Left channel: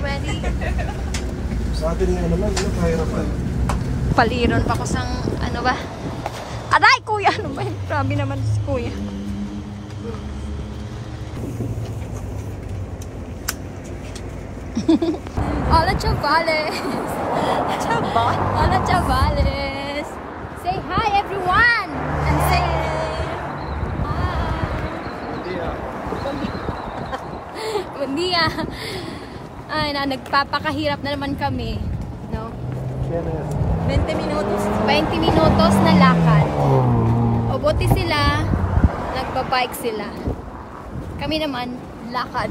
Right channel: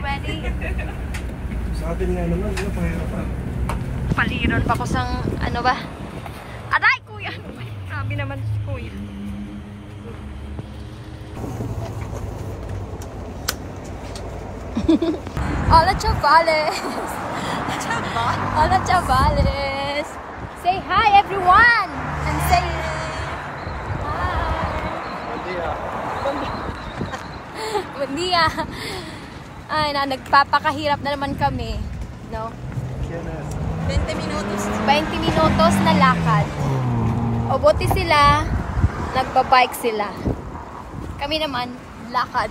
Ready? Sa atin nga naman, ano, kahirapan. Paliron pa ko sang, ano ba? Aray, kuya! Ano ba? Grabe naman si kuya. Hola, chavales! Hola, chavales! Say hi, everyone! And say Buen dia. Buen dia! Ay, nagpapakahirap na naman kami. No? 20 minutos. 20 minutos na lakad. O buti sila, nagbabike sila. Kami naman, lakad.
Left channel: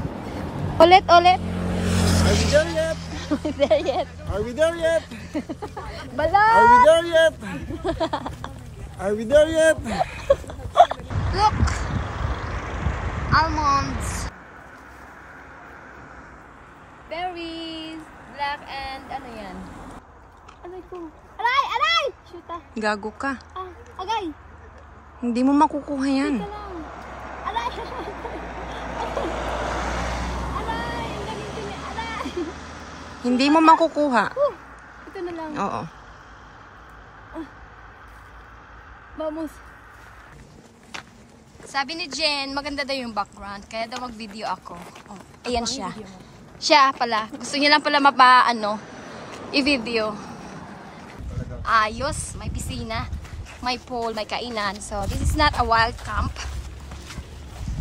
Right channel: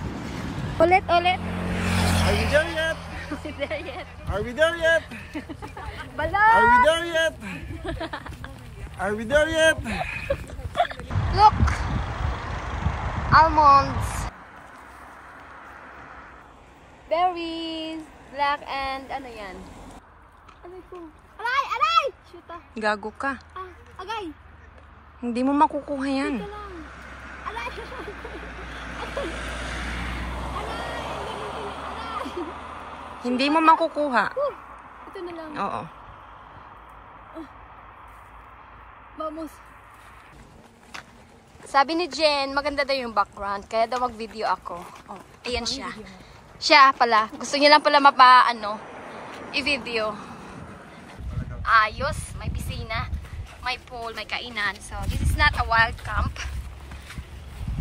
Ulit. Are we there yet? There yet. Are we there yet? Bala! Are we there yet? Are we there yet? Look! Almonds. Berries. Black and ano yan? Ano ito? Aray! Shoot ah. Gago ka. Agay! Hindi mo makukuha yan. Ito lang. Aray! Aray! Ang daming pili. Aray! Hindi mo makukuha. Ito na lang. Oo. Vamos. Sabi ni Jen, maganda daw yung background. Kaya daw mag-video ako. Oh, ayan siya. Siya pala. Gusto niya lang pala i-video. Ayos. May piscina. May pool. May kainan. So, this is not a wild camp.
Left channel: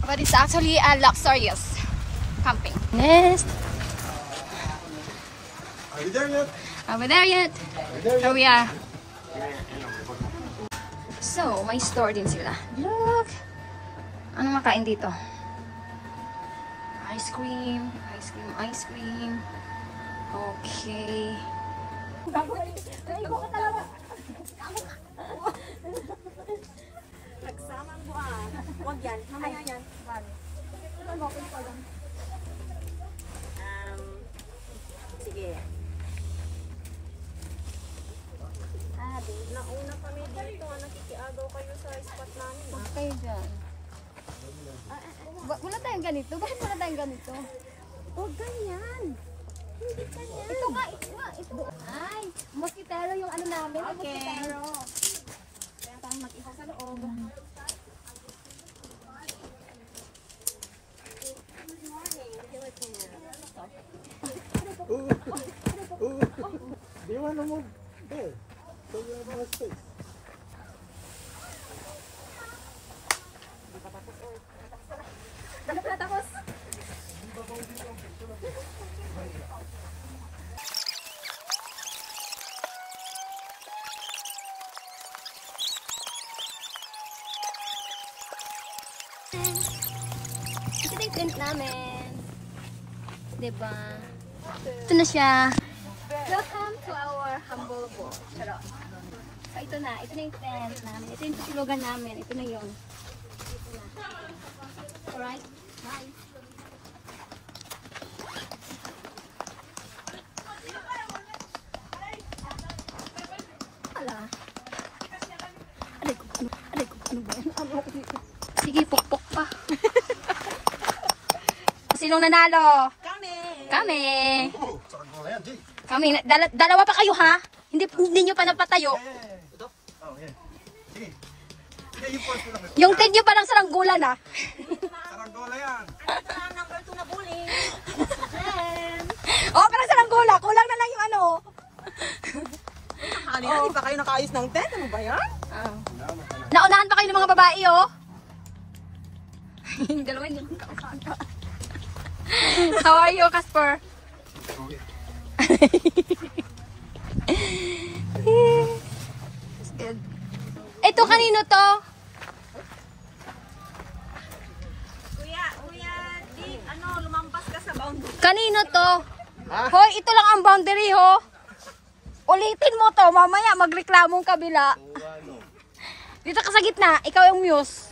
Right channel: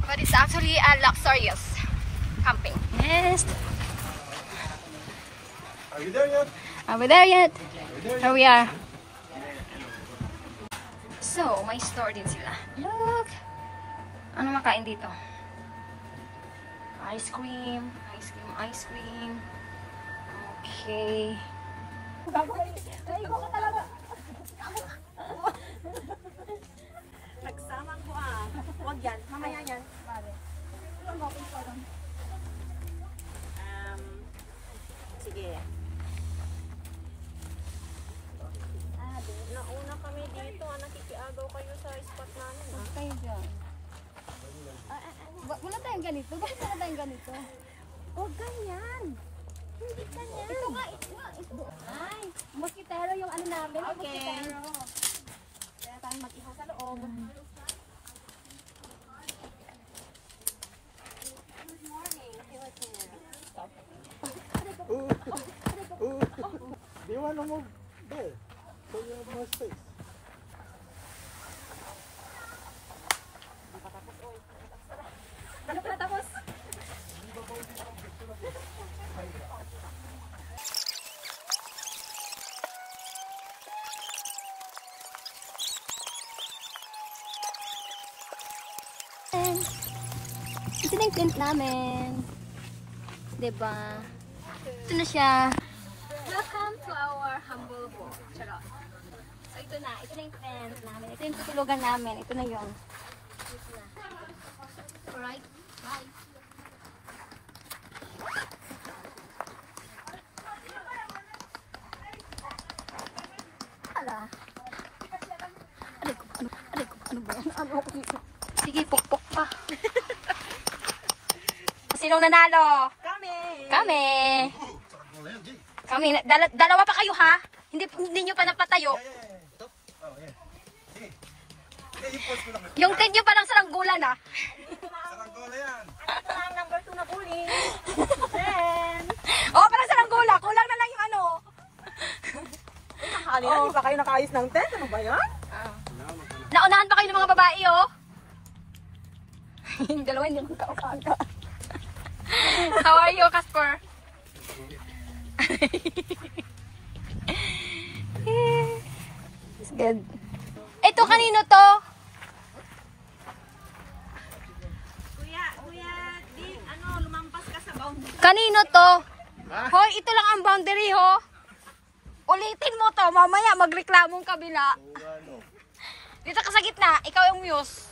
But it's actually a luxurious camping. Yes. Are we there yet? Are we there yet? Here we are. So, may store din sila. Look! Ano makain dito? Ice cream. Okay. Nagsamang buwan. Huwag yan. Mamaya yan. Sige. Nauna kami dito. Nakikiagaw kayo sa spot namin. Okay dyan. Wala tayong ganito. Bakit wala tayong ganito? Huwag ganyan. Hindi ganyan. Ito nga. Ay, mosquitero yung ano namin. Okay. Mosquitero. Kaya tayong mag-ihaw sa loob. Do you want to move there? So you have more space. Ano pala tapos? Ito na yung tent namin. Diba? Ito na siya. Welcome to our humble boat. Charot. So ito na yung tent namin. Ito yung tutulugan namin. Ito na yung. Alright. Bye. Ala. Ano ba yan? Ano ako dito? Sige, pukpok pa. Sinong nanalo? Kami. Kami. Dalawa pa kayo ha? Hindi nyo pa napatayo. Yung tig nyo parang saranggola na. Saranggola yan. Number 2 na bully. Oh, parang saranggola. Kulang na lang yung ano. Kanina, di pa kayo nakaayos ng tent. Ano ba yan? Naunahan pa kayo ng mga babae, oh. Yung dalawa hindi ko kaupaga. How are you, Casper? It's good. Ito, kanino to? Kuya, lumampas ka sa boundary. Kanino to? Hoy, ito lang ang boundary, ho. Ulitin mo to, mamaya magreklamong kabila. Dito ka sa gitna, ikaw yung muse.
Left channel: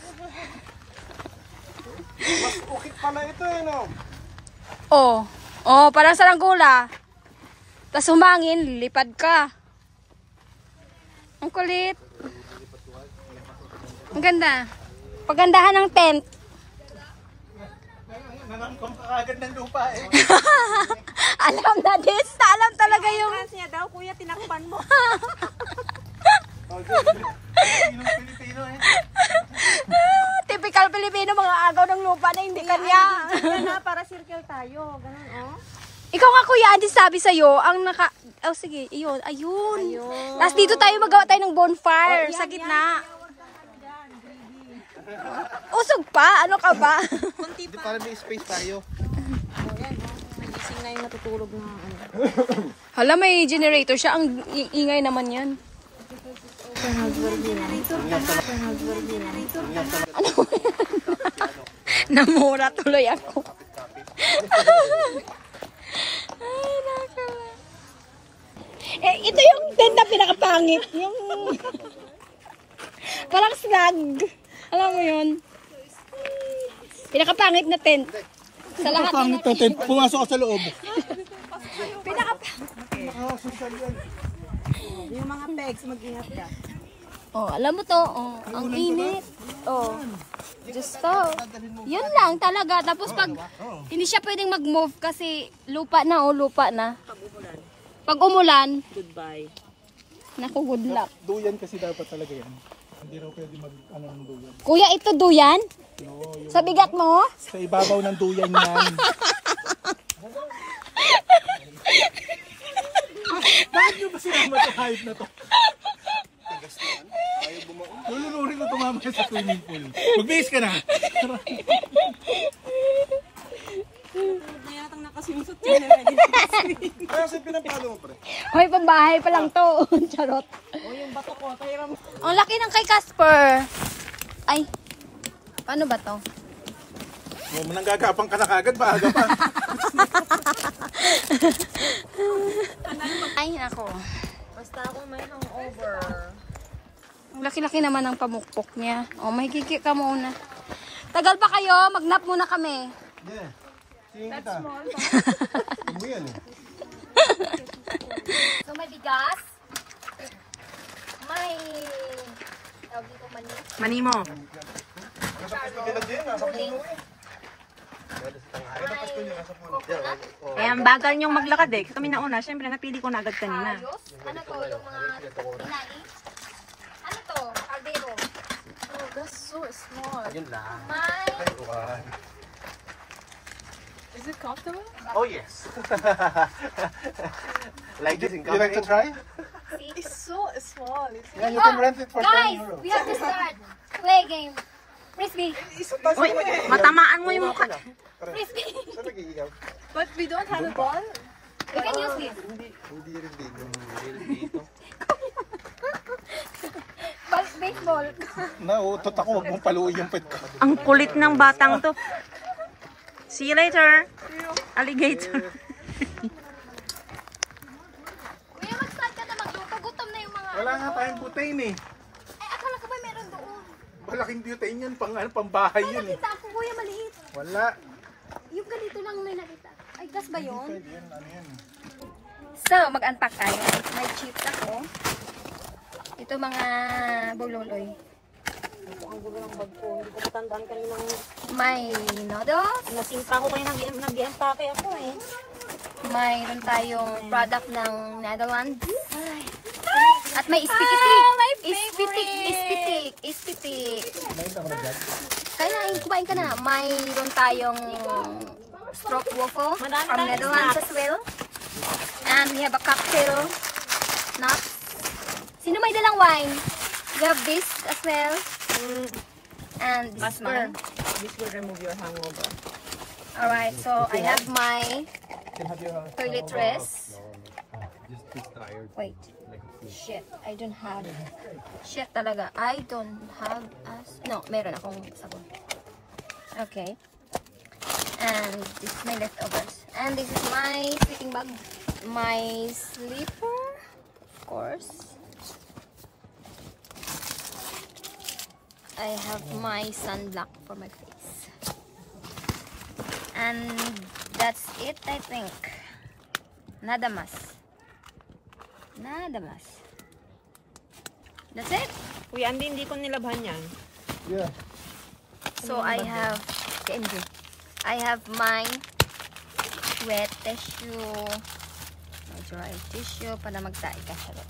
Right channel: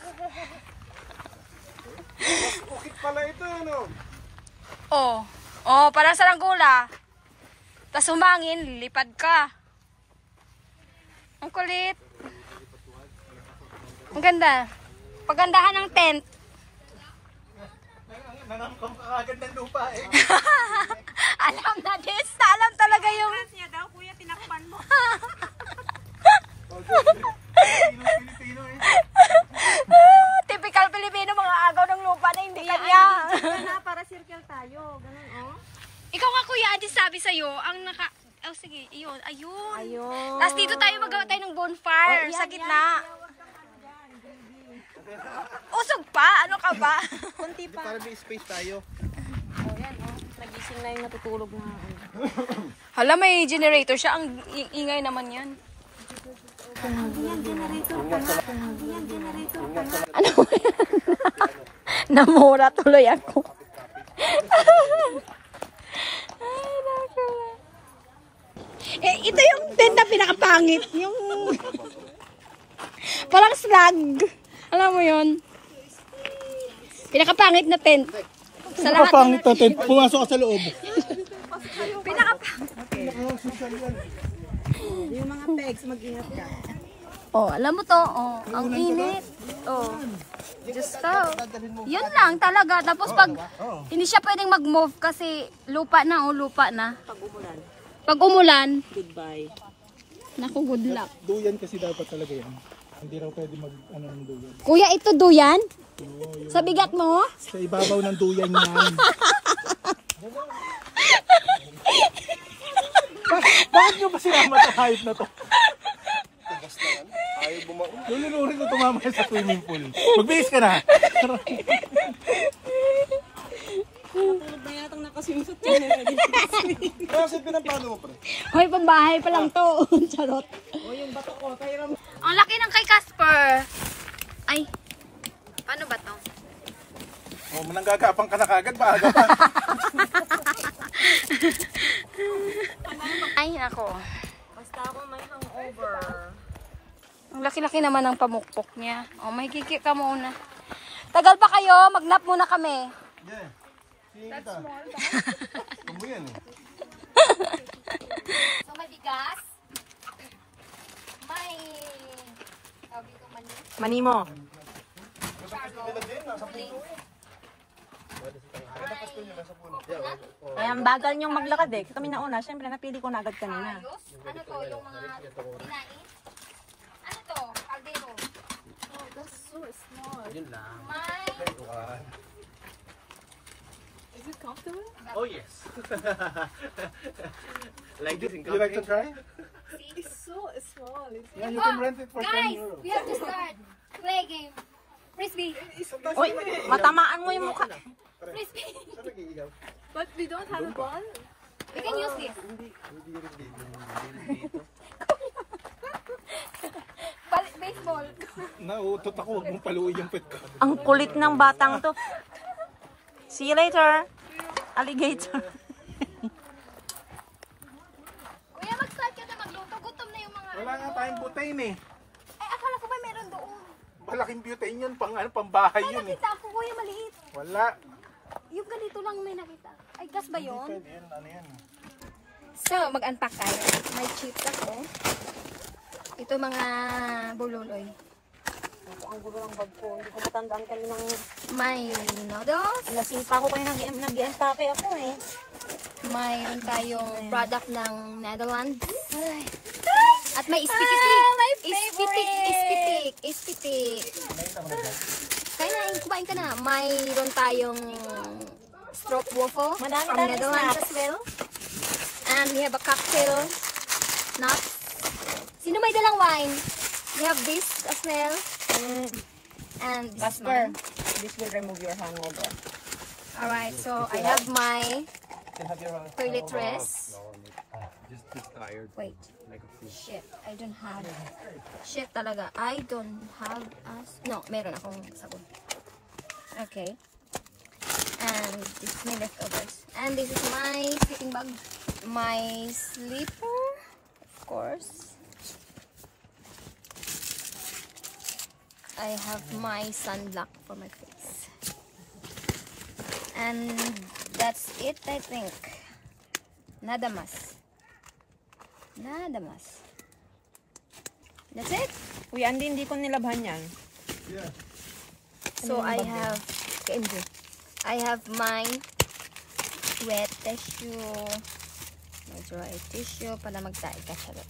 Mas ukit pala ito, ano? Oh, parang saranggola. Tapos humangin, lipad ka. Ang kulit. Ang ganda. Pagandahan ng tent. Nanangkong ka agad ng lupa eh. Alam na this. Alam talaga yung... Niya daw, kuya, tinakpan mo. Pilipino eh. Typical Pilipino, mga agaw ng lupa na hindi kanya. Kaya para circle tayo. Ganun, oh. Ikaw nga kuya, Andy, sabi sa'yo, ang naka... Oh, sige, ayun, ayun. Tapos dito tayo magawa tayo ng bonfire sa gitna. Usog pa? Ano ka ba? Kunti pa. Para may space tayo. Oh, yan, oh. Magising na yung natutulog na ano. Hala, may generator siya. Ang ingay naman yan. Namura tuloy ako. Ay, nakala. Eh, ito yung tent na pinakapangit. Yung... Walang slag. Alam mo yun? Pinakapangit na tent. Sa lahat Pangit na tent. Pumasok ka sa loob. Pinakapangit. Yung mga pegs, mag-ingat ka. Oh, alam mo to. Oh, ang init. Oh. Diyos ka. Yun lang talaga. Tapos pag hindi siya pwedeng mag-move kasi lupa na. Oh, lupa na. Pag umulan, Goodbye. naku, good luck. Duyan kasi dapat talaga yan. Hindi raw pwede mag-ano ng duyan. Kuya, ito duyan? No, Sa bigat mo? sa ibabaw ng duyan yan. Bakit nyo ba sinama ito hayop na to? Lulunurin ko tumama sa swimming pool. Magbihis ka na. Bayatang nakasimsot yun. Kaya kasi pinampano mo pre. Hoy, pambahay pa lang to. Charot. O yung bato ko, tayo ram. Ang laki ng kay Casper. Ay, paano ba to? Oh, mananggagapang ka na kagad ba? Aga pa. Ay, ako. Basta ako may hangover. Ang laki-laki naman ng pamukpok niya. Oh, may kiki ka muna. Tagal pa kayo? Mag-nap muna kami. Yeah. Sige kita. Ano yan eh? So, may bigas. May... tawag dito mani. Mani mo. Uling. May coconut. Kaya ang bagal niyong maglakad eh. Kami nauna, syempre napili ko na agad kanina. Ayos. Ano to? Yung mga inaing? Ano to? Caldero. Oh, that's so small. May... Is it comfortable? Oh yes. Like this in You like to try? It's so small. Yeah, you can rent it for 10 Guys, euros. we have to start. Play game. Frisbee. Uy, matamaan mo yung mukha. Frisbee. Saan nag-iiyaw? But we don't have a ball. We can use this. Hindi rin dito. Baseball. Nauutot ako, huwag mong paluin yung pet ko. Ang kulit ng batang to. See you later. Alligator. Kuya, mag-start ka na magluto. Gutom na yung mga... Wala nga tayong butane eh. Ay, akala ko ba meron doon? Malaking butane yun, pang bahay yun eh. Nakita ako, kuya, maliit. Wala. Yung ganito lang may nakita. Ay, gas ba yun? Pwede yan, ano yun. So, mag-unpack tayo. May chips ako. Ito mga bululoy. Hindi ko matandaan ka rin ng... May noodles. Nasimpa ko kayo nag-i-empake ako eh. Mayroon tayong product ng Netherlands. At may ispitik. Kumain ka na. Mayroon tayong stroopwafel from Netherlands as well. And we have a cocktail nuts. Sino may dalang wine? We have this as well. And this one. This will remove your hangover. Alright, so I have my toiletries. Wait. Shit, I don't have. Shit talaga. I don't have as... No, meron akong sabon. Okay. And this is my leftovers. And this is my sleeping bag. My sleeper, of course. I have my sunblock for my face. And that's it, I think. Nada mas. Nada mas. That's it. Uy, hindi ko nilabhan yan. Yeah. So I have my wet tissue, my dry tissue para magtae ka siya.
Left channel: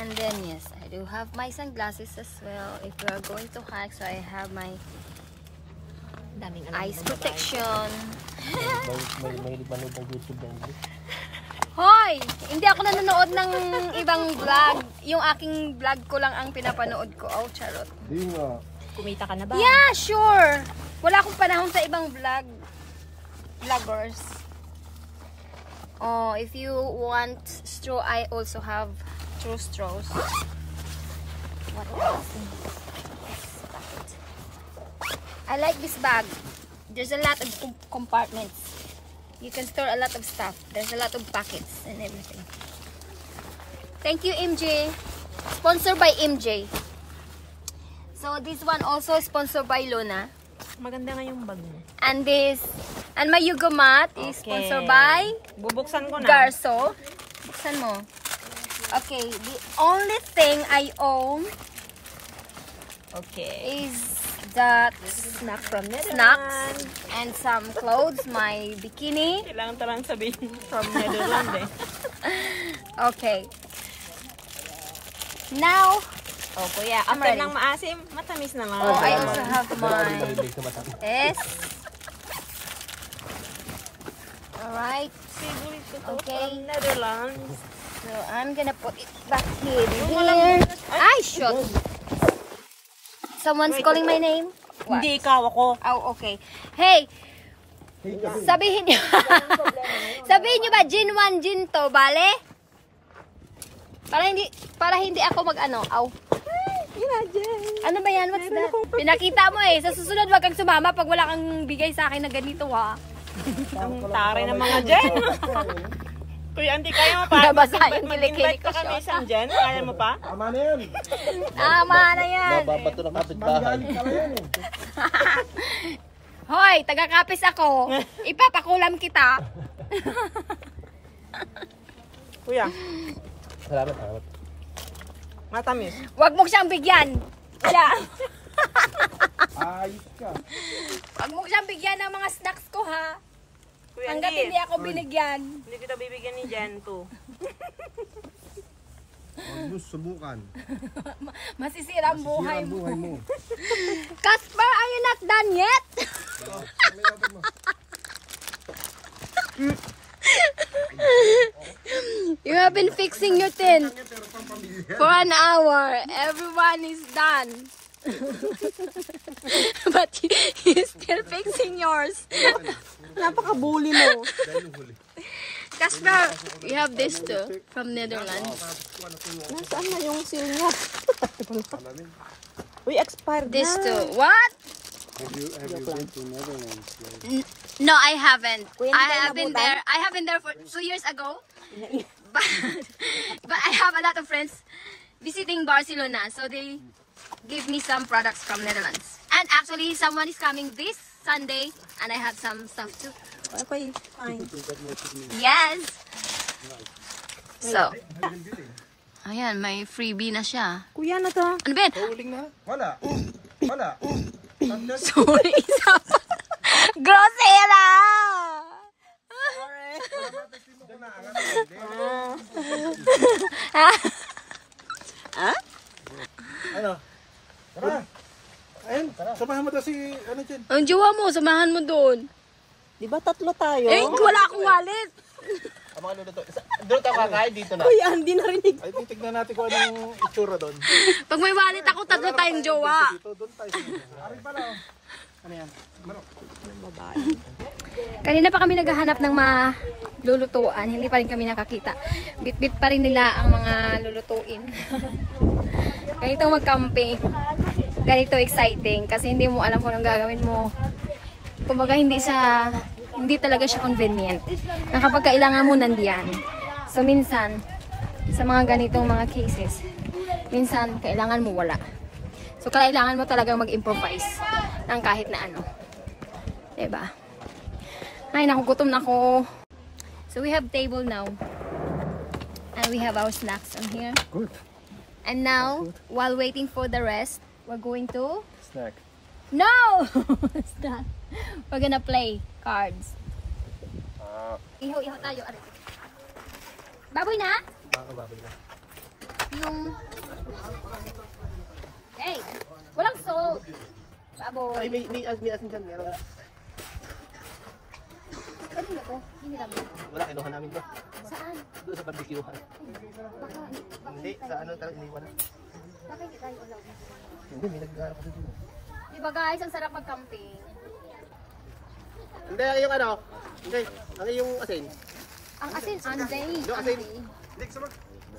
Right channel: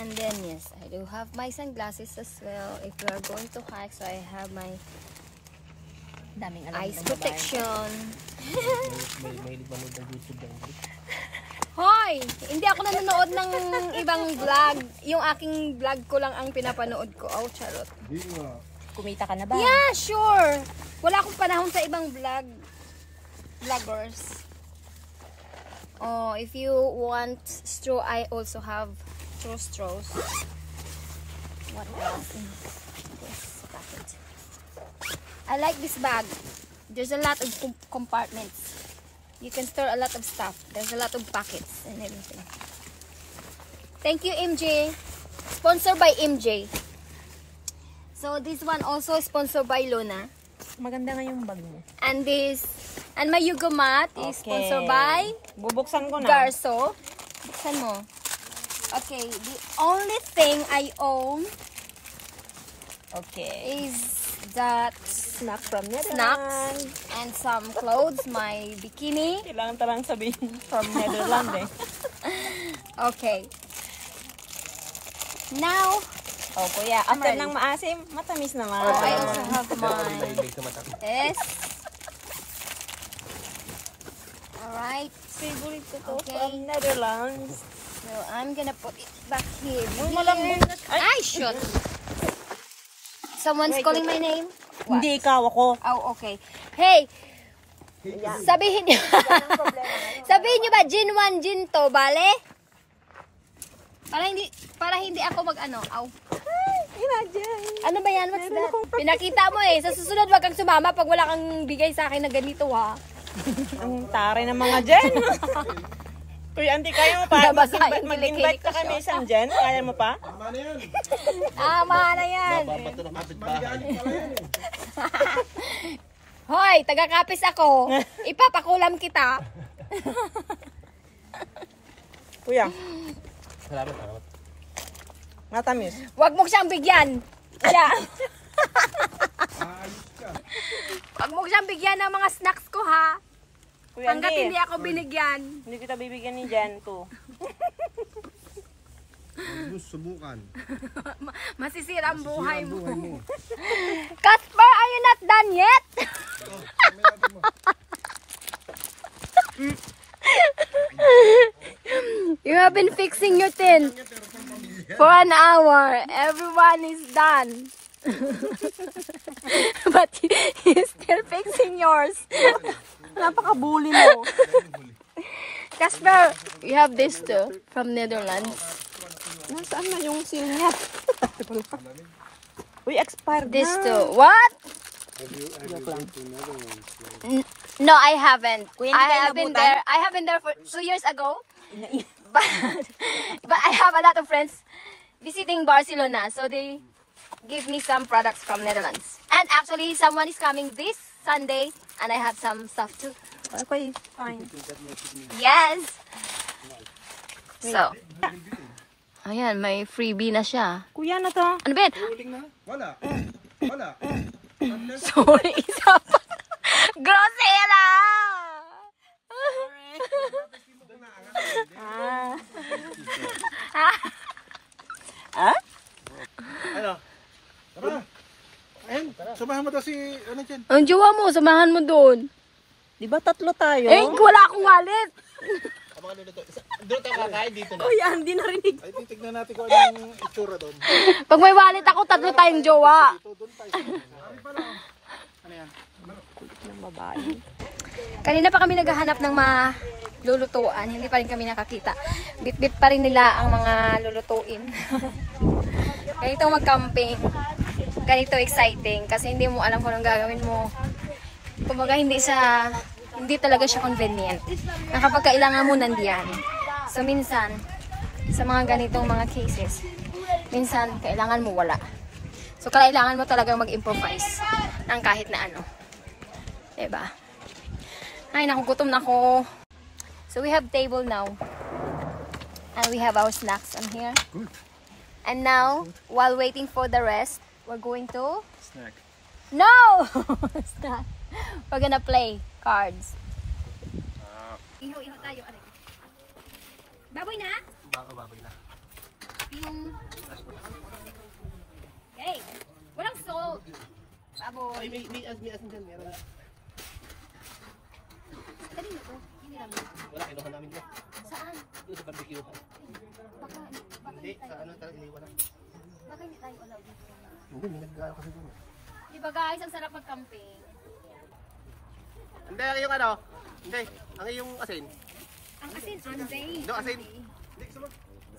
And then yes, I do have my sunglasses as well if you are going to hike. So I have my eyes protection. May manood ng YouTube na English. Hoy! Hindi ako nanonood ng ibang vlog. Yung aking vlog ko lang ang pinapanood ko. Oh, charot. Di nga. Kumita ka na ba? Yeah, sure. Wala akong panahon sa ibang vloggers. Oh, if you want straw, I also have true straws. What else? Yes, packet. I like this bag. There's a lot of compartments. You can store a lot of stuff. There's a lot of packets and everything. Thank you, MJ. Sponsored by MJ. So this one also sponsored by Luna. Maganda nga yung bag mo. And my Yugo mat is sponsored by Bubuksan ko na. Garso. Buksan mo. Okay, the only thing I own is that Snack from Netherlands. snacks and some clothes, my bikini. Kailangan talang sabihin from Netherlands eh. Okay. Now, Oh, kuya, I'm after ready. ng maasim, matamis naman. oh, I also have my Mahilig sa mata. this. Alright. Favorite ko to Okay. from Netherlands. So I'm gonna put it back here. walang- Ay, shoot. Someone's calling my name? What? Hindi ikaw, ako. Oh, okay. Hey, sabihin niyo. Sabihin niyo ba gin 1 gin to, bale? Para hindi ako mag-ano. Aw. Ano ba yan? What's that? Pinakita mo eh. Sa susunod wag kang sumama pag wala kang bigay sa akin na ganito ha. Ang tare ng mga dyan. Kuya, hindi kaya mo pa. Nabasa yung Mag-invite kilikili ko pa kami siya. isang dyan. Kaya mo pa? Tama na yan. Tama na yan. Mababato ng kapitbahay. Hoy, taga-kapis ako. Ipapakulam kita. Kuya, Salamat, salamat. matamis. Wag mo siyang bigyan. Siya. Ayos ka. Wag mo siyang bigyan ng mga snacks ko ha. Kuya, Hanggat hindi ako binigyan. Hindi kita bibigyan ni Jan to. Huwag mo subukan. Masisira ang buhay Sira ang mo. buhay mo. Casper, are you not done yet? You have been fixing your tent for an hour. Everyone is done. But you're still fixing yours. Napaka-bully mo. Casper, we have this too from Netherlands. Nasaan na yung seal niya? Uy, expired This na. too. What? Have you been to Netherlands? No, I haven't. Kuya, I have been there. I have been there for 2 years ago. But I have a lot of friends visiting Barcelona, so they give me some products from Netherlands. And actually, someone is coming this Sunday, and I have some stuff too. Okay, fine. Yes. So, ayan, may freebie na siya. Kuya, ano to? Ano ba yan? Huling na? Wala. Wala. Sorry, isa pa. Grosera! Ano? Tara. Ayun, samahan mo daw si, ano dyan? Ang jowa mo, samahan mo doon. Di ba tatlo tayo? Eh, wala akong wallet. Ang mga luluto. Doon ka kakain dito na. Kuya, hindi narinig. Ay, titignan natin kung anong itsura doon. Pag may wallet ako, tatlo tayong jowa. Dito, doon tayo. Ari pa lang. Ano yan? Kanina pa kami naghahanap ng mga lulutuan. Hindi pa rin kami nakakita. Bit-bit pa rin nila ang mga lulutuin. Ganito mag-camping. Ganito exciting. Kasi hindi mo alam kung anong gagawin mo. Kumbaga hindi talaga siya convenient. Na kapag kailangan mo nandiyan. So minsan, sa mga ganitong mga cases, minsan kailangan mo wala. So kailangan mo talagang mag-improvise ng kahit na ano. Diba? Ay, nakugutom na ako. So we have table now. And we have our snacks on here. Good. And now, while waiting for the rest, we're going to... Snack. No! It's not. We're gonna play cards. Iho-iho tayo. Aray. Baboy na? Baboy na. Yung... Hey! Walang salt! Baboy. Ay, may asin dyan. Meron. Pwede na to? Hindi namin. Wala, kinuha namin dyan. Saan? Doon sa barbecue-han. Baka Hindi, sa ano talaga iniwan na. baka hindi tayo allowed. Hindi, may nag-ano kasi dito. Diba guys, ang sarap mag-camping. Hindi, ang yung ano. Hindi, ang yung asin. Ang asin, anday. No, asin.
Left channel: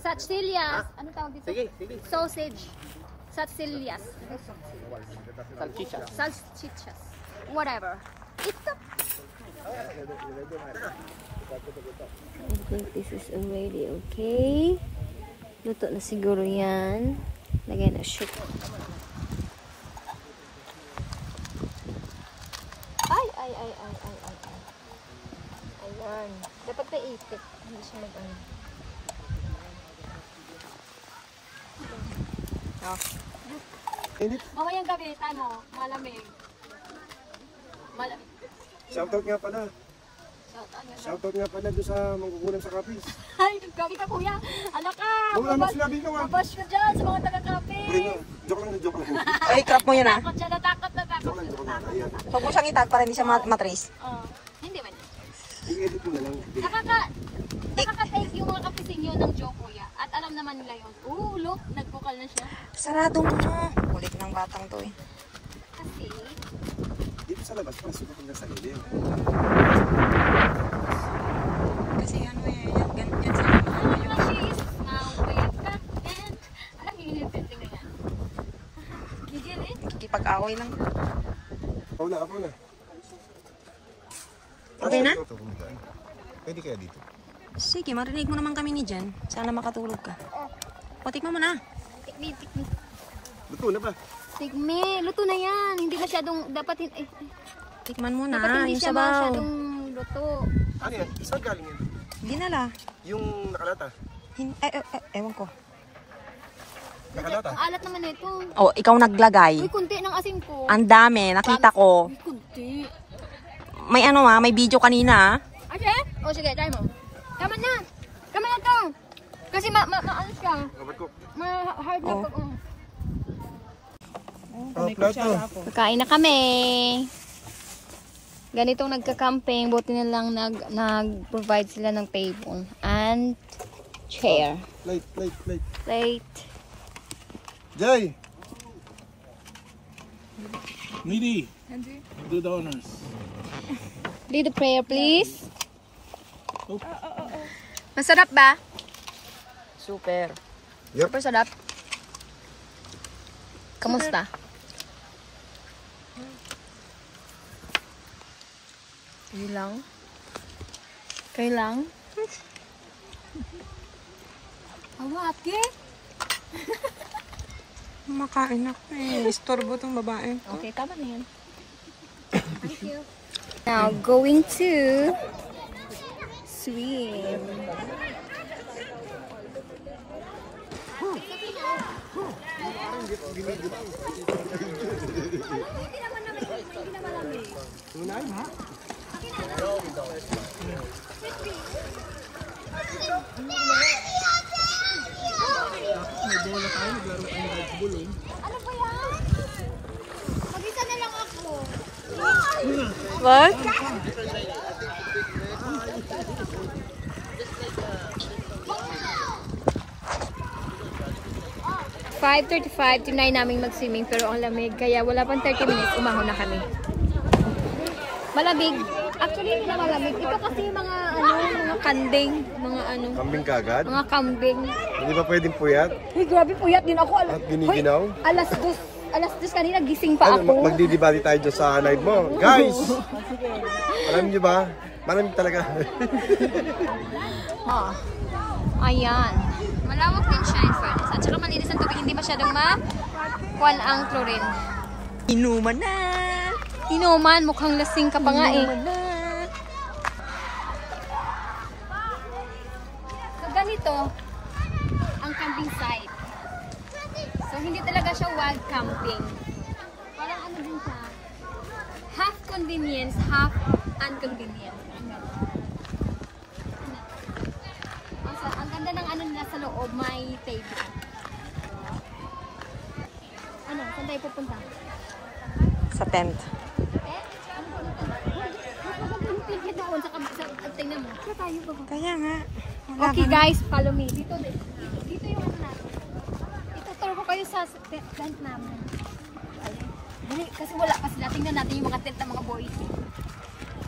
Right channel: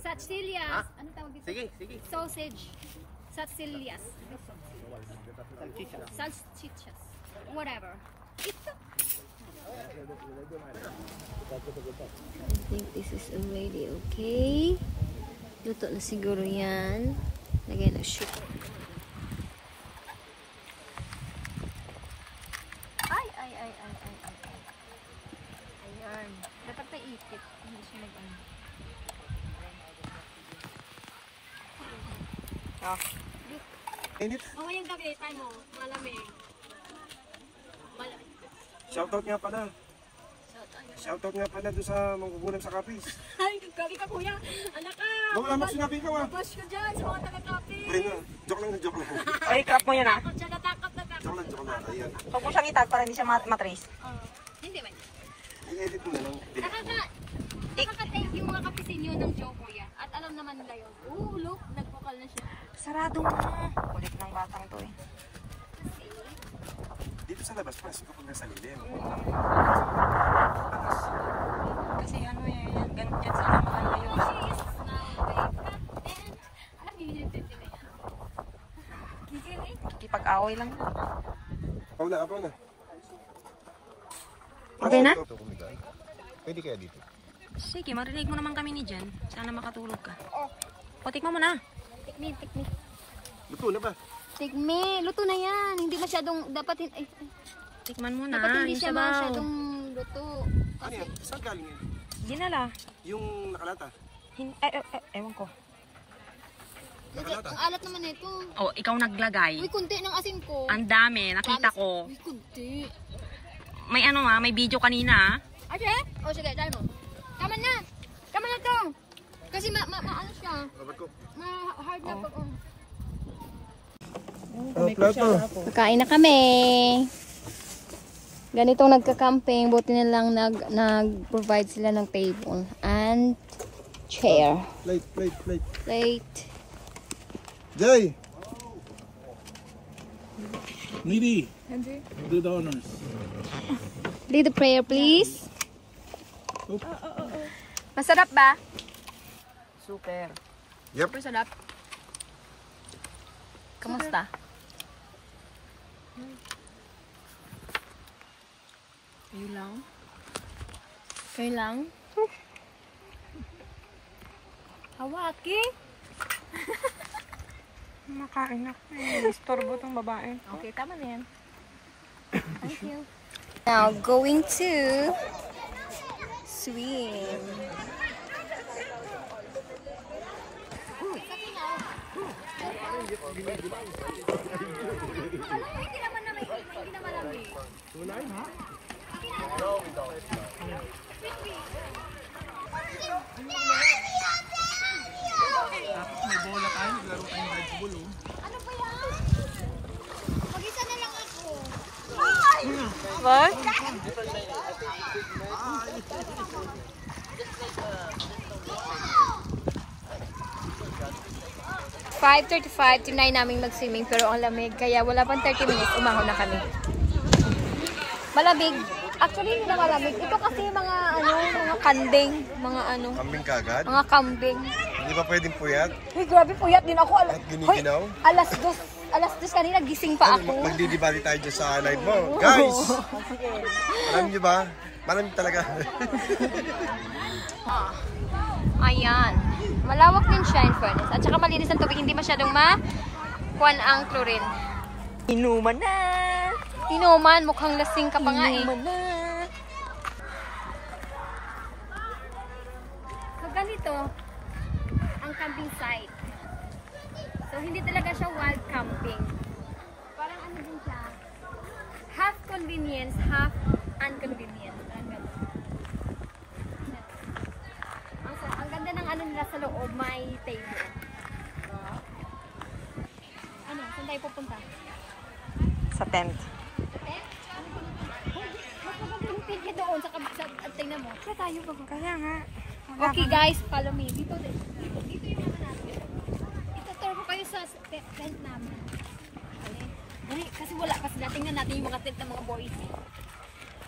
Satsilias. Ano tawag dito? Sige, sige. Sausage. Satsilias. Salchicha. Salchichas. Whatever. It's a... I think this is already okay. Luto na siguro yan. Lagyan na siya. Ay. Ayan. Dapat na itik. Hindi siya mag-ano. Oh. Oo, yung gabitan mo. Malamig. Malamig. Shoutout nga pala. Shoutout nga pala doon sa manggugulam sa kapis. Ay, gagi ka kuya. Anak ka. Ano sinabi ko nga? Babash ka dyan sa mga taga-kape. Joke lang. Ay, crap mo yun ah. Takot siya, natakot. Joke lang. Ayan. Huwag mo siyang itag para hindi siya matrace. Hindi man. I-edit mo na lang. Nakaka-take yung mga kapisinyo ng joke kuya. At alam naman nila yun. Look, nag-vocal na siya. Sarado mo. Kulit ng batang to eh. Kasi, Dito sa labas, pasok kapag nasa lilim. Kasi ano eh, yan sana makalayo. she's now way back and... Alam niyo yung tete na yan? Gigil eh. Kikipag-away lang. Wala ako na. Hindi na? Pwede kaya dito? Sige, marinig mo naman kami ni Jen. Sana makatulog ka. O, tikman mo na. Tikmi. Luto na ba? Tikmi, luto na yan. Hindi masyadong, dapat Tikman mo na. hindi Yung siya sabaw. masyadong luto. Ano yan? Saan galing yan? Dinala. Yung nakalata? Ewan ko. Nakalata? Ang alat naman ito. Oh, ikaw naglagay. Uy, kunti ng asin ko. Ang dami, nakita ko. Uy, kunti. May ano may video kanina. Ate? O sige, try mo. Tama na. Tama na to. Kasi ano siya. Kabat ko. Ma-hard na pag... Plato. Kakain na kami. Ganitong nagka-camping, buti na lang nag-provide sila ng table and chair. Plate. Plate. Jay! Needy. Do the honors. Lead the prayer, please. Masarap ba? Super. Yep. Super sarap. Kamusta? Okay lang. Hawaki. Makain ako eh. Istorbo tong babae. Okay, tama na yan. Thank you. Now, going to swim. Hindi na malamig. Tunan ha? Tapos may bola tayo, naglaro tayo ng Red Bull. Ano ba yan? Mag-isa na lang ako. What? (5:35) tinay namin mag-swimming pero ang lamig kaya wala pang 30 minutes umahon na kami. Malamig. Actually hindi na malamig. Ito kasi mga mga kanding, mga Kambing kagad? mga kambing. Hindi ba pwedeng puyat? Uy, grabe puyat din ako. At giniginaw? Hoy, alas 2 kanina gising pa ako. Magdidibali tayo dyan sa live mo. Guys! Alam niyo ba? Maraming talaga. Ayan. Malawak din siya, friends. At saka malinis ang tubig. Hindi masyadong kuwan ang chlorine. Inuman na. Inuman, mukhang lasing ka pa nga eh. So ganito ang camping site. siya wild camping. Parang ano din siya, half convenience, half inconvenience. Ang ganda ng ano nila sa loob, may table. Ano, saan tayo pupunta? Sa tent. Eh? Ano ba natin? Hoy, mas maganda yung tent niya doon sa tingnan mo. Kaya tayo ba? Kaya nga. Okay guys, follow me. Dito yung ano natin. Ituturo ko kayo sa tent namin. Dali, kasi wala pa sila. Tingnan natin yung mga tent ng mga boys.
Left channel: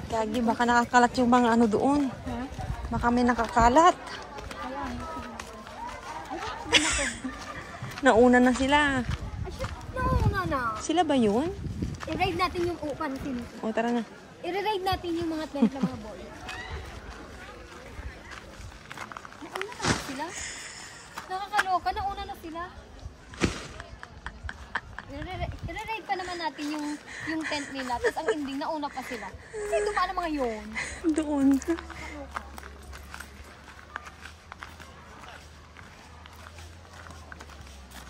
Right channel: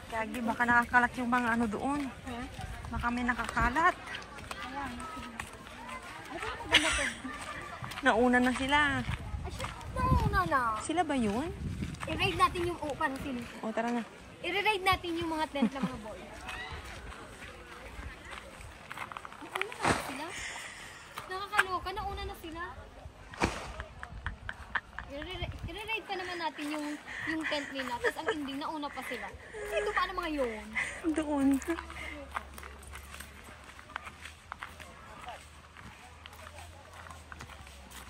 Gagi, baka nakakalat yung mga ano doon. Huh? Baka may nakakalat. Kaya, ay, bakit ba na to? Nauna na sila. Ay, shit, nauna na. Sila ba yun? I-raid natin yung, paano sino? O, tara na. I-raid natin yung mga tent ng mga boys. Nauna na ba sila? Nakakaloka, nauna na sila. I-raid pa naman natin yung tent nila. Tapos ang ending, nauna pa sila. Kasi ito paano mga yun? Doon.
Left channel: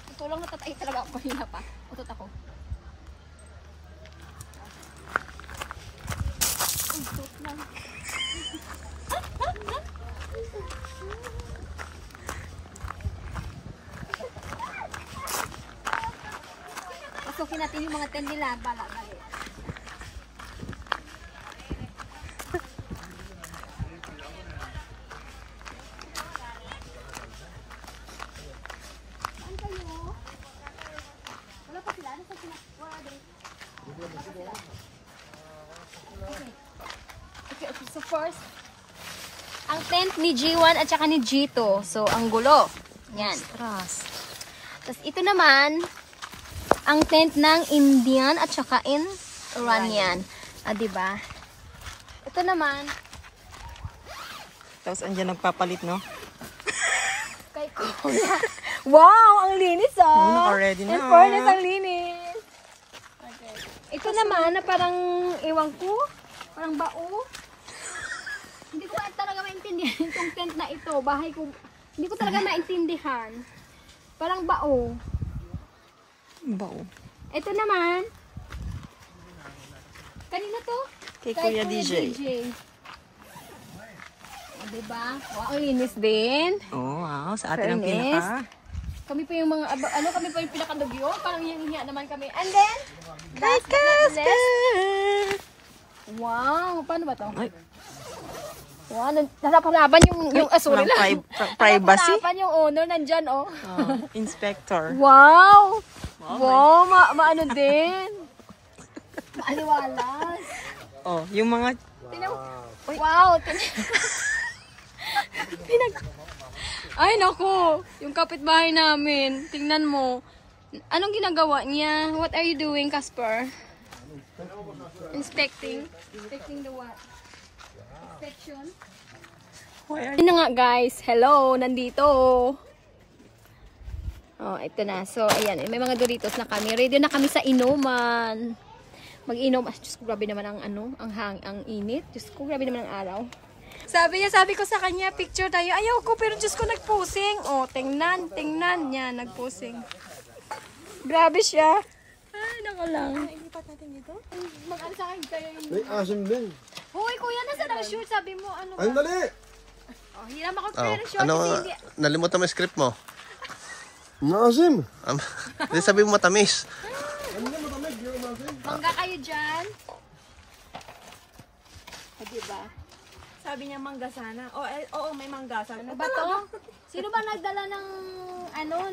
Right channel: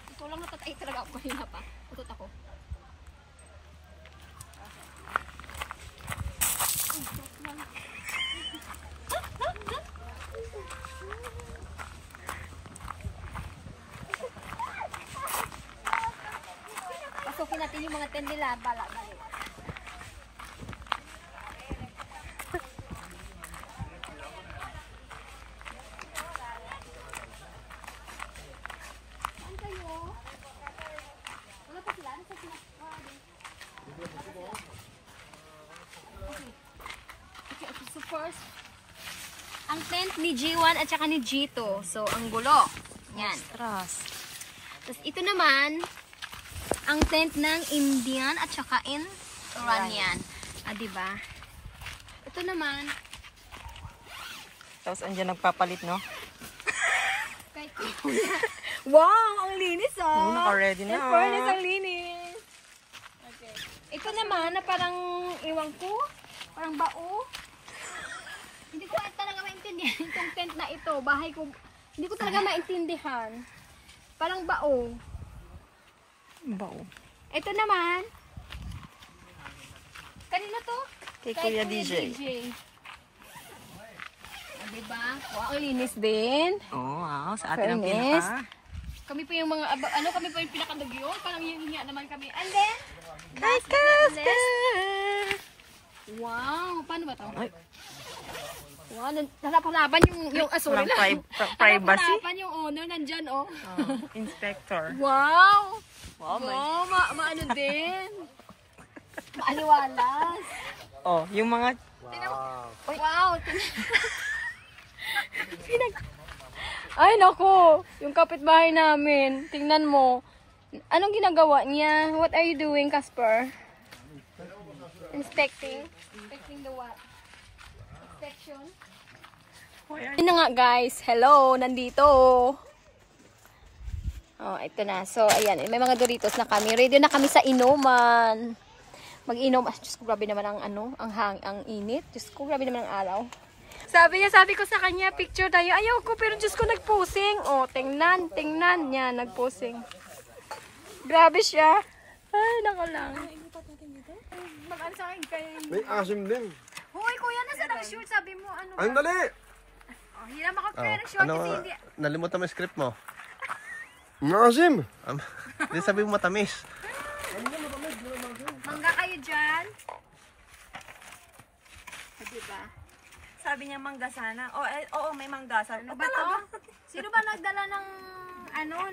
Ito lang natatay talaga ako kanina pa. Utot ako. Utot lang. Pasukin natin yung mga tent nila. Bala-bali. Saan kayo? Wala pa sila? Nasa sila? Wala din. Wala pa sila? Okay. Okay. So first, ang tent ni G1 at saka ni G2. So, ang gulo. Yan. Trust. Tapos ito naman, ang tent ng Indian at saka Iranian. Ah, diba? Ito naman, Tapos andyan nagpapalit, no? kay wow, ang linis ah! Oo, naka-ready na. In fairness, ang linis. Okay. Ito naman na parang, ewan ko, parang bao. Hindi ko talaga maintindihan itong tent na ito. Bahay ko, hindi ko talaga maintindihan. Parang bao. Bao. Ito naman, kanina to? Kay Kuya DJ. O, diba? Wow, ang linis din. Oh, wow. Sa atin ang Fairness. pinaka. Kami pa yung mga, kami pa yung pinakadugyo. Parang hiya naman kami. And then, Kay Kaska! wow, paano ba to? Ay, Wow, nasapalaban yung asuri walang lang. privacy. Nasapalaban yung owner, nandyan oh. Oh, inspector. Wow! Wow, Wow, maano din. Maaliwalas. Oh, yung mga... Tingnan mo. Wow! Ay, naku! Yung kapitbahay namin. Tingnan mo. Anong ginagawa niya? What are you doing, Casper? Inspecting? Inspecting the what? Inspection? Yun na nga guys. Hello! Nandito. Oh, ito na. So, ayan. May mga Doritos na kami. Ready na kami sa inuman. Mag-inom. Ah, Diyos ko, grabe naman ang ang init. Diyos ko, grabe naman ang araw. Sabi ko sa kanya, picture tayo. Ayaw ko, pero Diyos ko, nagposing. Oh, tingnan niya, nagposing. Grabe siya. Ay, nako lang. Mag-ano sa akin kayo yung... May asim din. Hoy, kuya, nasa na shoot? Sabi mo, ano ba? Ay, dali! Oh, hiram ako kayo ng short. Ano, kasi hindi... nalimutan mo yung script mo. May asim. Hindi sabi mo matamis. Mangga kayo dyan. O, diba? Sabi niya mangga sana. Oo, may mangga. Sabi Ano ba to? Sino ba nagdala ng,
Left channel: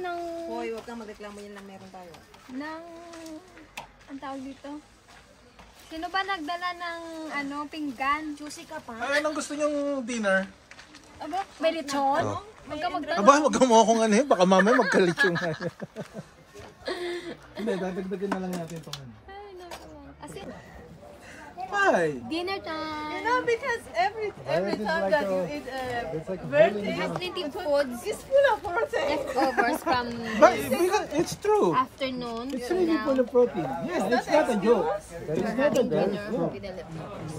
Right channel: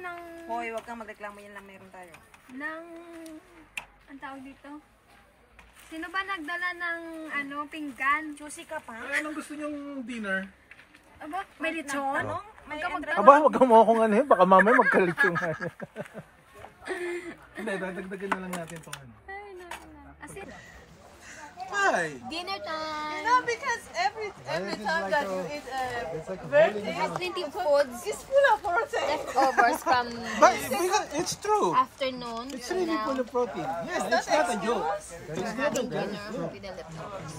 ng... Hoy, wag kang magreklamo, yan lang meron tayo. Ang tawag dito? Sino ba nagdala ng, pinggan? Juicy ka pa. Anong gusto niyong dinner? Aba, may lechon? May Aba, wag mo akong ano eh. Baka mamaya magkalit yung Hindi, dadagdagan na lang natin itong ano. Ay, naku lang. Asin. Hi! Dinner time. No, because every time that you eat It's like a birthday, We have plenty foods it's full of protein. leftovers from But it's true. afternoon. It's So really now, full of protein. Yes, it's not a joke. But it's not a having joke. dinner with the leftovers.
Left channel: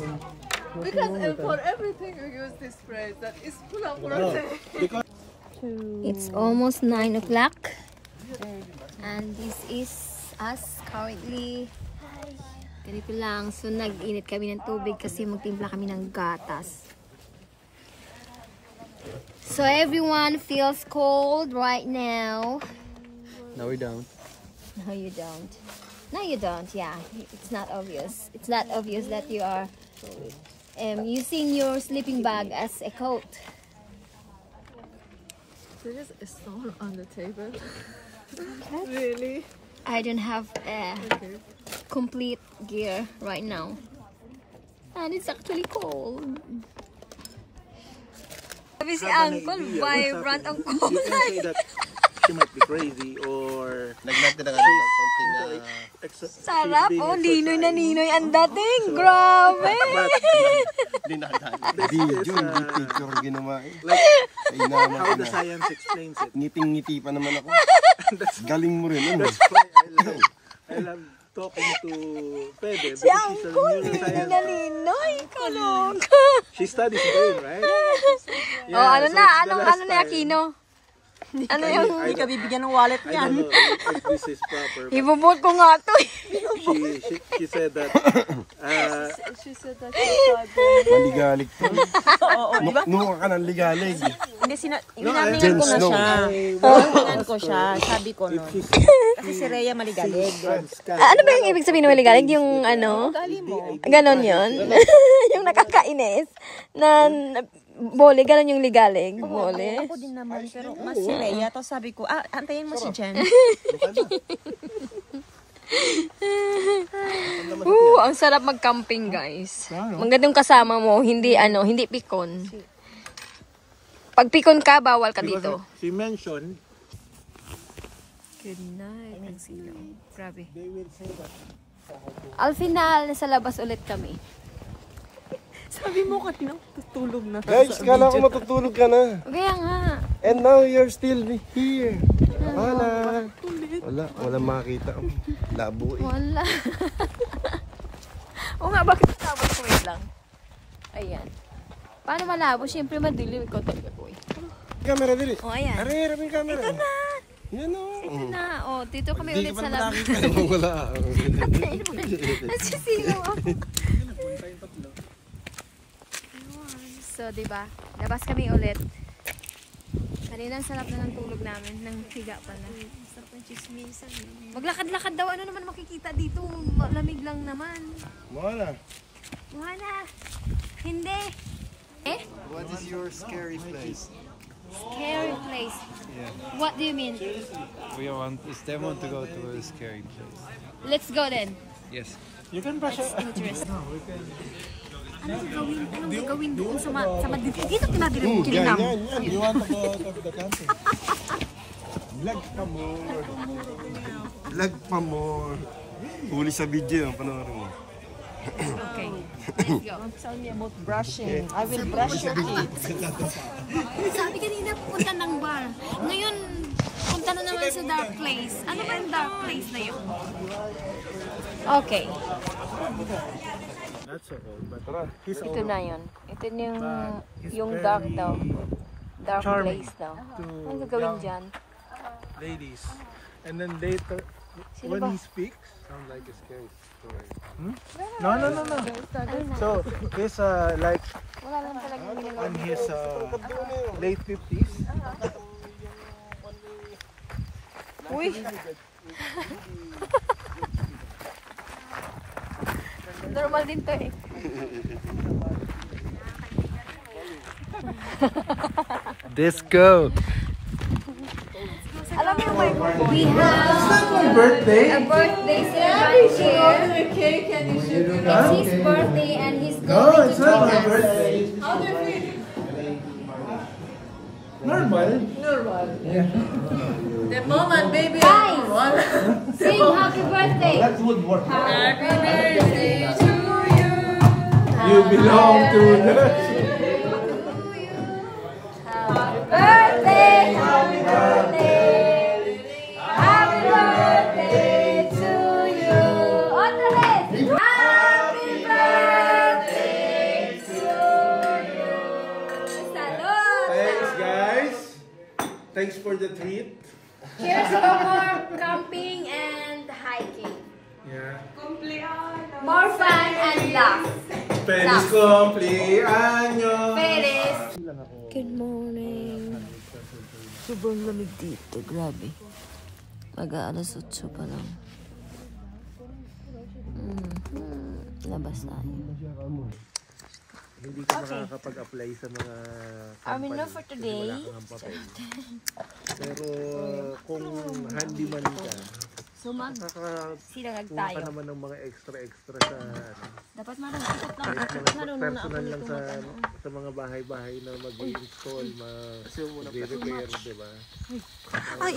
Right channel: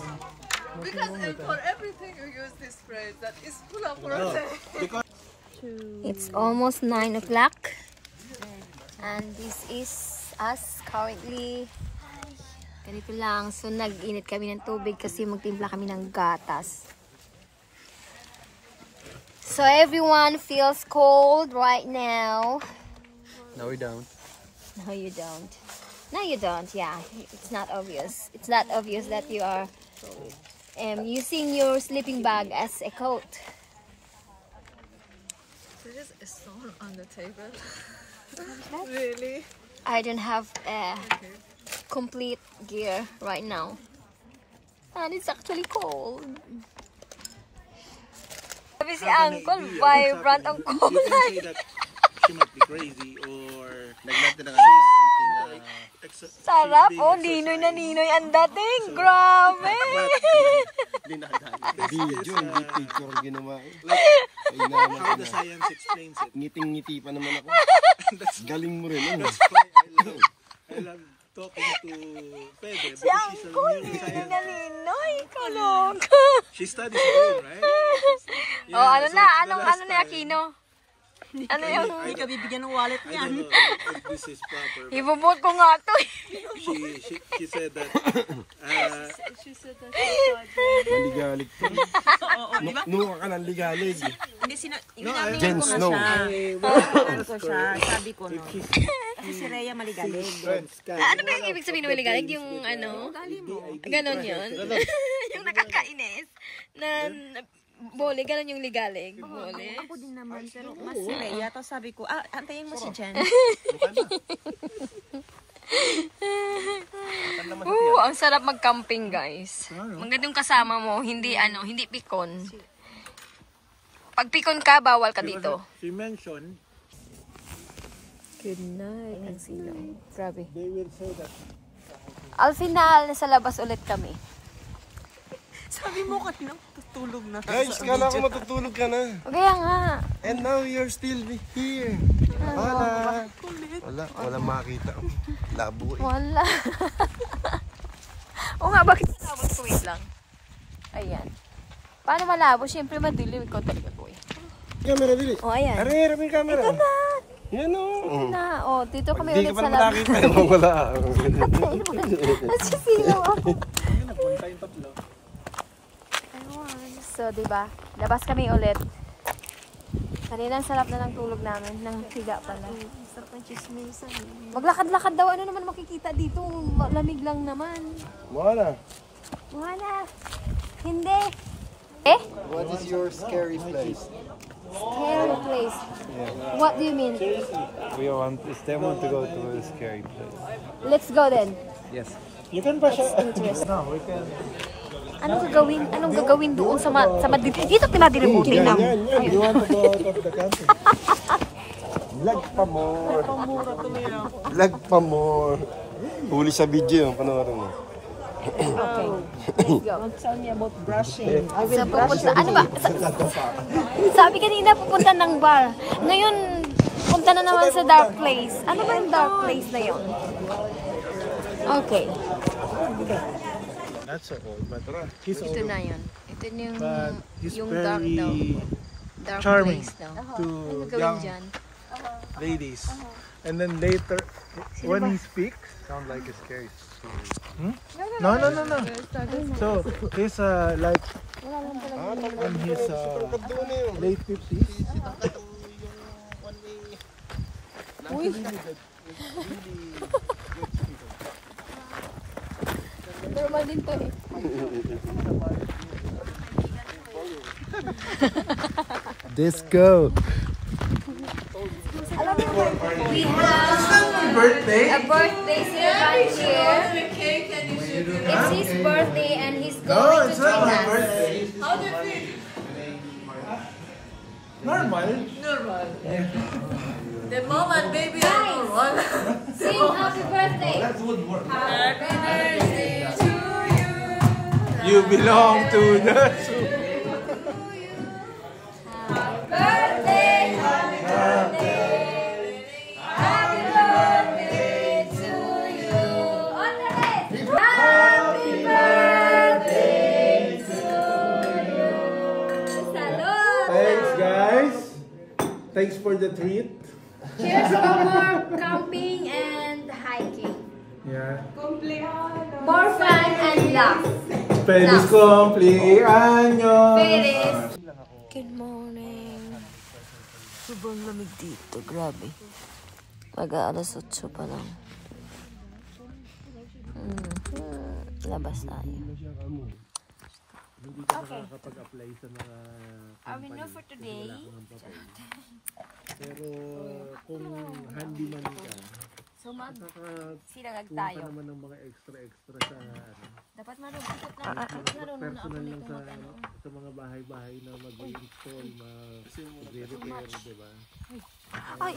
Because for everything you use this phrase that is full of protein. Because It's almost 9 o'clock. And this is us currently. Ganito lang. So, nag-init kami ng tubig kasi magtimpla kami ng gatas. So, everyone feels cold right now. No, we don't. No, you don't. No, you don't. Yeah, it's not obvious. It's not obvious that you are using your sleeping bag as a coat. So there's a stone on the table. Really? I don't have a complete gear right now. And it's actually cold. Sabi si Uncle, vibrant ang kulay. She might be crazy or Nagnatin na nga ng konting Sarap. Oh, ninoy na ninoy ang dating. Grabe. video, hindi picture ginawa eh. Ay how naman the na. science explains it. Ngiting-ngiti pa naman ako. Galing mo rin, ano? I love talking to Fede. Si Uncle, ninoy na ninoy. Kalog. She studies brain, right? Oh, ano na? Ano na Aquino? Ano yung... Hindi ka bibigyan ng wallet niyan. If this is proper. Ibubot ko nga to. She said that She said that she thought Maligalig to. Nuha ka ng ligalig. Hindi, Jen ko na Snow. siya. Tingnan ko siya. Sabi ko no. Kasi si Rhea maligalig. Ano ba yung ibig sabihin ng maligalig? Yung ano? Ganon yun? Yung nakakainis. Na bole, ganon yung ligalig. Bole. Ako din naman, pero mas si Rhea. Tapos sabi ko, antayin mo si Jen. Ang sarap mag-camping, guys. Magandang kasama mo, hindi pikon. Pag pikon ka, bawal ka dito. she mentioned Good night. Ang silaw. Grabe. they will say that Al final, nasa labas ulit kami. Sabi mo kanina, tutulog na. Guys, kala ko matutulog ka na. Kaya nga. And now you're still here. Hala. Wala makita. Labo eh. Wala. O nga, bakit malabo? Wait lang. Ayan. Paano malabo? Siyempre madilim. Ikaw talaga ko eh. Camera dili. O, ayan. Harap yung camera. Ito na. Yan o. Na. O, dito kami Hindi ulit ka pa sa naman labas. nakita. Wala. Nasisilaw ako. So, diba? Labas kami ulit. Kanina ang sarap na ng tulog namin. Nang higa pala. Sarap ng chismisan. Maglakad-lakad daw. Ano naman makikita dito? Malamig lang naman. Wala. Wala. Hindi. Eh? What is your scary place? Scary place. What do you mean? They want to go to a scary place. Let's go then. Yes. you can brush It's it. interesting. No, we can. Anong gagawin? Anong gagawin doon sa madilim? Dito madilim Kilinam. You want to go out of the country? Lag pa more. Lag pa more. Huli sa video yung panoorin mo. Okay. Let's go. Tell me about brushing. Sa pupunta, ano ba? Sabi kanina pupunta ng bar. Ngayon, punta na naman sa dark place. Ano ba yung dark place na yun? Okay. Not so old, but he's Ito old. na yun. Ito na He's yung dark very daw. Dark charming place daw. to Ano gagawin young dyan? ladies. And then later, when he speaks, Sound like a scary story. no. So he's like Wala lang talaga. in his late 50s. Normal din to eh. Disco! Alam mo ba, we have Birthday? a birthday celebration. open the cake and you should It's his birthday and he's going No, to it's not my take us. birthday. How do you feel? Normal. Normal. The mom and baby are normal. Sing happy birthday. Happy birthday to you. You belong to us. Birthday, happy birthday. Happy birthday to you. Otra vez. Happy birthday to you. Salud. Thanks, guys. Thanks for the treat. Cheers for more camping and hiking. Yeah. More fun and laugh. Feliz cumpleaños! Feliz. Good morning. Sobrang lamig dito. Grabe. Mag-aalas 8 pa lang. Labas tayo. Hindi ka nakakapag-apply sa mga Our menu for today. pero kung handyman ka, Sumag. Sinangag kuha tayo. ka naman ng mga extra sa Dapat marunong na ako personal nito lang sa mga bahay-bahay na mag-install, mag-repair, di ba? Ay.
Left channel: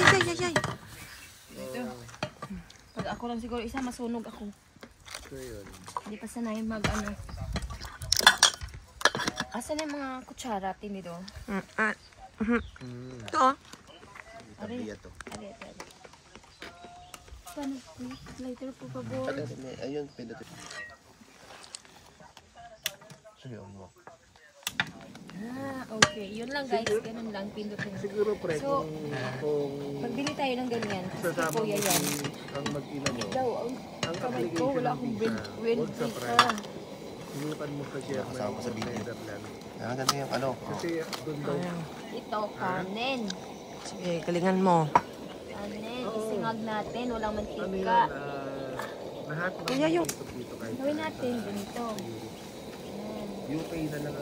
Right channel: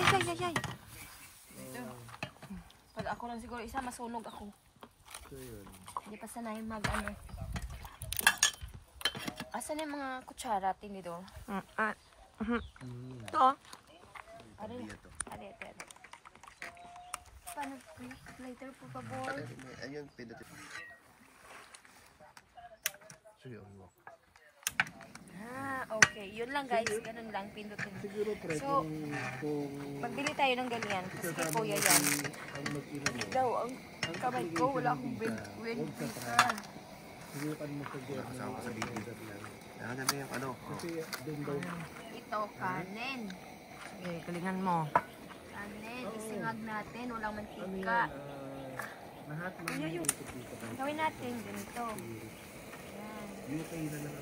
Pag ako lang siguro isa, masunog ako. So yun. Hindi pa sanay Asan yung mga kutsara, tinito? Ito. Tabi ito. Ari. Paano? Later po, favor. Ayun, pwede ito. Ayun mo. Okay. Yun lang guys. Ganun lang. Pindutin. Siguro pre, So, kung magbili tayo ng ganyan. Kasi kuya yan. ang mag-ina mo, Daw, ang kamay ko. Wala akong wind breaker. sinukan mo sa German. Kasama sa video. Yan, ganda yung ano. Kasi doon daw, Ito, kanin. Sige, galingan mo. Kanin. Isingag natin. Walang mantika. lahat ng Kuya, yung dito kayo. gawin natin ganito. Ayan. UK na lang.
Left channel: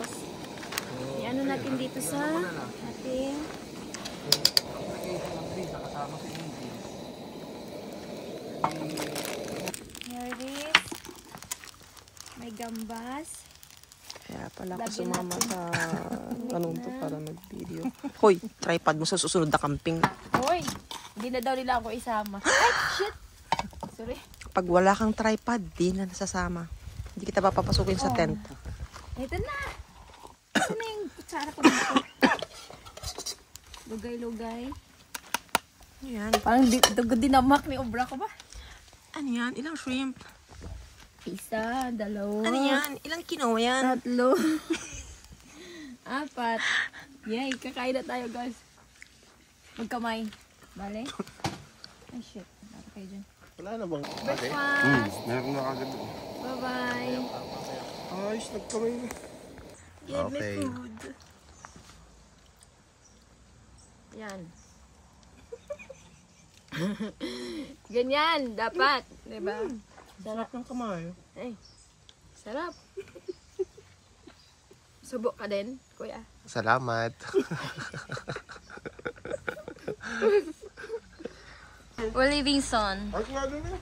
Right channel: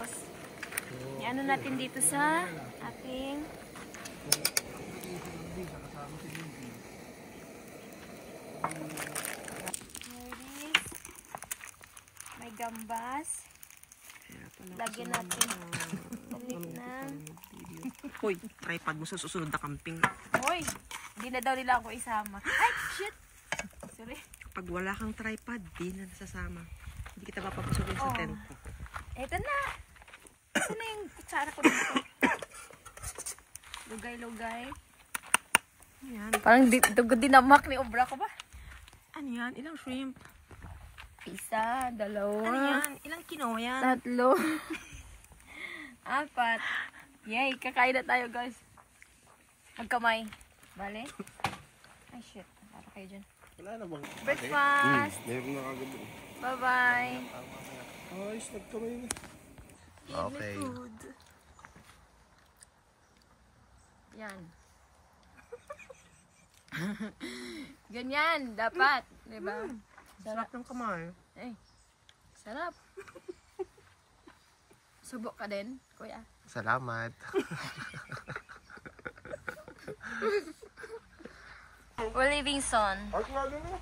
Iano natin dito sa ating here it is. May gambas. Kaya pala ako Lagyan sumama natin. sa anong to na. para mag-video. Hoy, tripod mo sa susunod na camping. Hoy! Hindi na daw nila ako isama. Ay, shit! Sorry. Pag wala kang tripod, di na nasasama. Hindi kita papapasukin sa tent. Ito na! Ito na yung kutsara ko dito. Lugay-lugay. Yan. Parang dinamak ni obra ko ba? Ano yan? Ilang shrimp? Isa, dalawa. Ano yan? Ilang quinoa yan? 3. 4. Yay, kakain na tayo guys. Magkamay. Bale? Ay shit. Para kayo dyan. Wala na bang? Breakfast! Meron na kagad. Bye-bye! Ayos, nagkamay na. Okay. Yan. Ganyan, dapat. Diba? Sarap ng kamay. Ay, sarap. Subok ka din, kuya. Salamat. We're leaving soon. Ay, lagi na.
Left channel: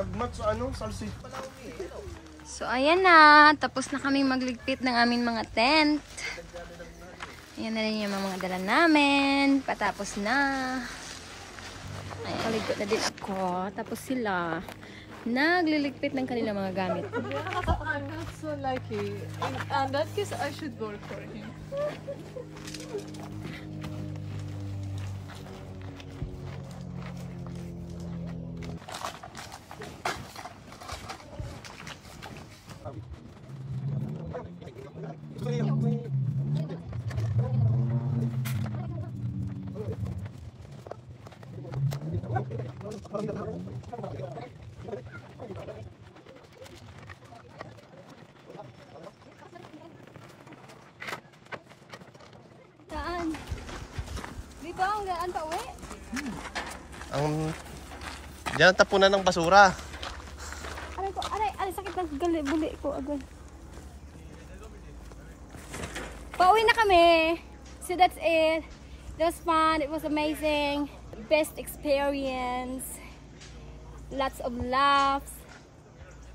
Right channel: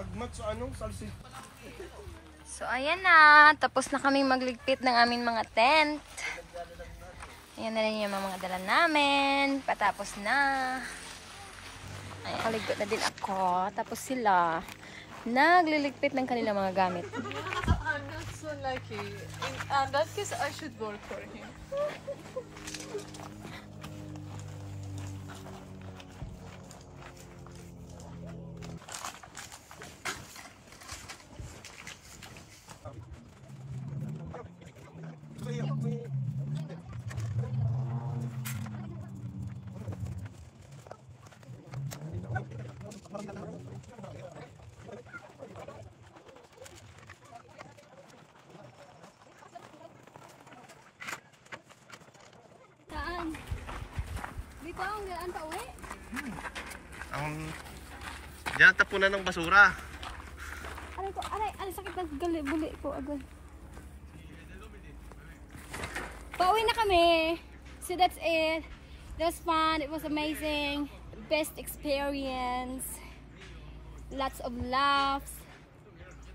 Nagmat sa ano? Salsik. So, ayan na. Tapos na kami magligpit ng aming mga tent. Ayan na rin yung mga dala namin. Patapos na. Ay, kaligpit na din ako. Tapos sila nagliligpit ng kanilang mga gamit. I'm not so lucky. In that case, I should vote for him. Saan? Di ba? Ang pa uwi? Diyan ang tapunan ng basura. Aray ko, aray, sakit ng buli ko, agay. Pauwi na kami. So that's it. It was fun. It was amazing. Best experience. Lots of laughs.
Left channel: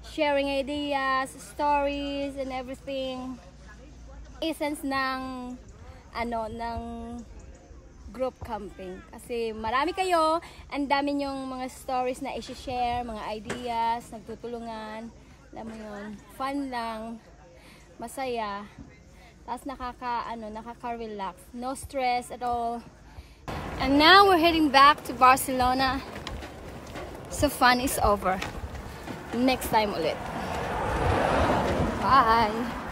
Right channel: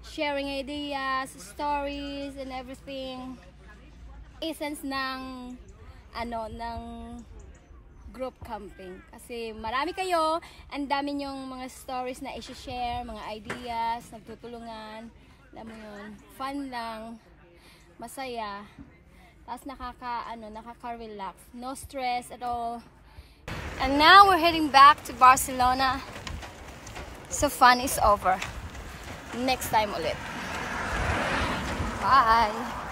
Sharing ideas, stories, and everything. Essence ng ng group camping. Kasi marami kayo, ang dami nyong mga stories na i-share, mga ideas, nagtutulungan. Alam mo yun, fun lang, masaya. Tapos nakaka-relax. No stress at all. And now we're heading back to Barcelona. So fun is over. Next time ulit. Bye!